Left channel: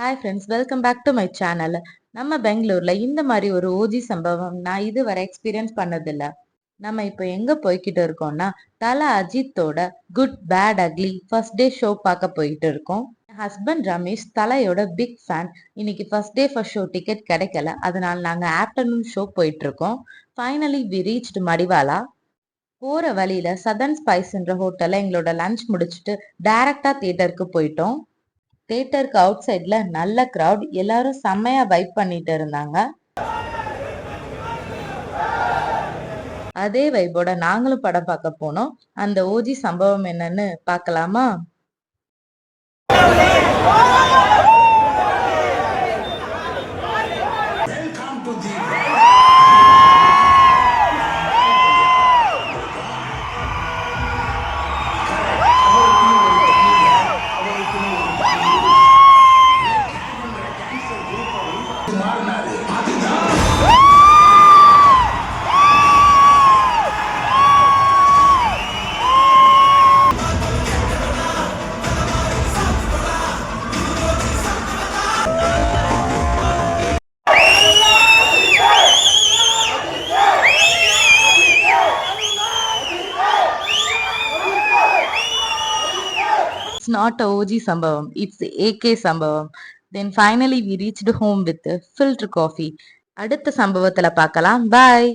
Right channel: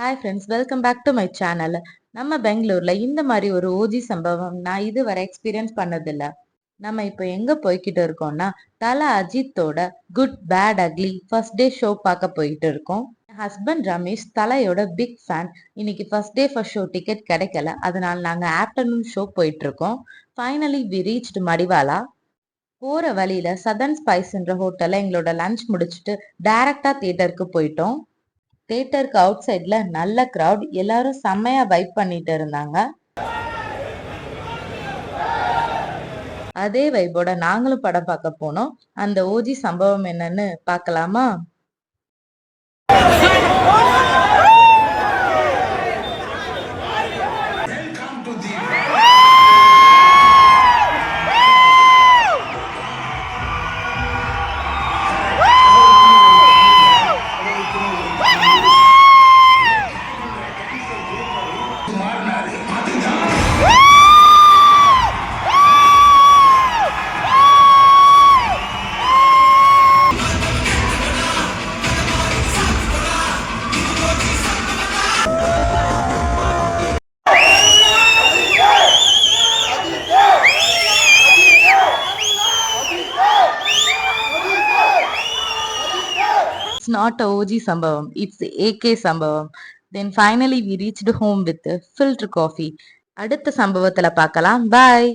Hi friends, welcome back to my channel. நம்ம பெங்களூர்ல இந்த மாதிரி ஒரு ஓஜி சம்பவம் நான் இதுவரை எக்ஸ்பீரியன்ஸ் பண்ணதில்ல. நம்ம இப்போ எங்க போய்கிட்டு இருக்கோம்னா, தல அஜித்தோட good bad ugly first day show பார்க்க போயிட்டு இருக்கோம். ஹஸ்பண்ட் ரமேஷ் தலையோட பிக் ஃபேன். இன்னைக்கு first day first show ticket கிடைக்கல, அதனால நாங்க ஆஃப்டர்நூன் ஷோ போயிட்டு இருக்கோம். Finally we reached Madiwala. போற வழியில சதன் ஸ்பைஸ்ன்ற ஹோட்டல்ல எங்களோட லஞ்ச் முடிச்சுட்டு டைரக்டா தியேட்டருக்கு போயிட்டோம். தியேட்டருக்கு அவுட் சைட்ல நல்ல கிரவுட், எல்லாரும் செம்மையா வைப் பண்ணிட்டு இருந்தாங்க. அதே வைபோட நாங்களும் படம் பார்க்க போனோம். அந்த ஓஜி சம்பவம் என்னன்னு பார்க்கலாமா? It's not a OG Sambhavam, it's AK Sambhavam. Then finally we reached home with filter coffee. அடுத்த சம்பவத்துல பார்க்கலாம். Bye.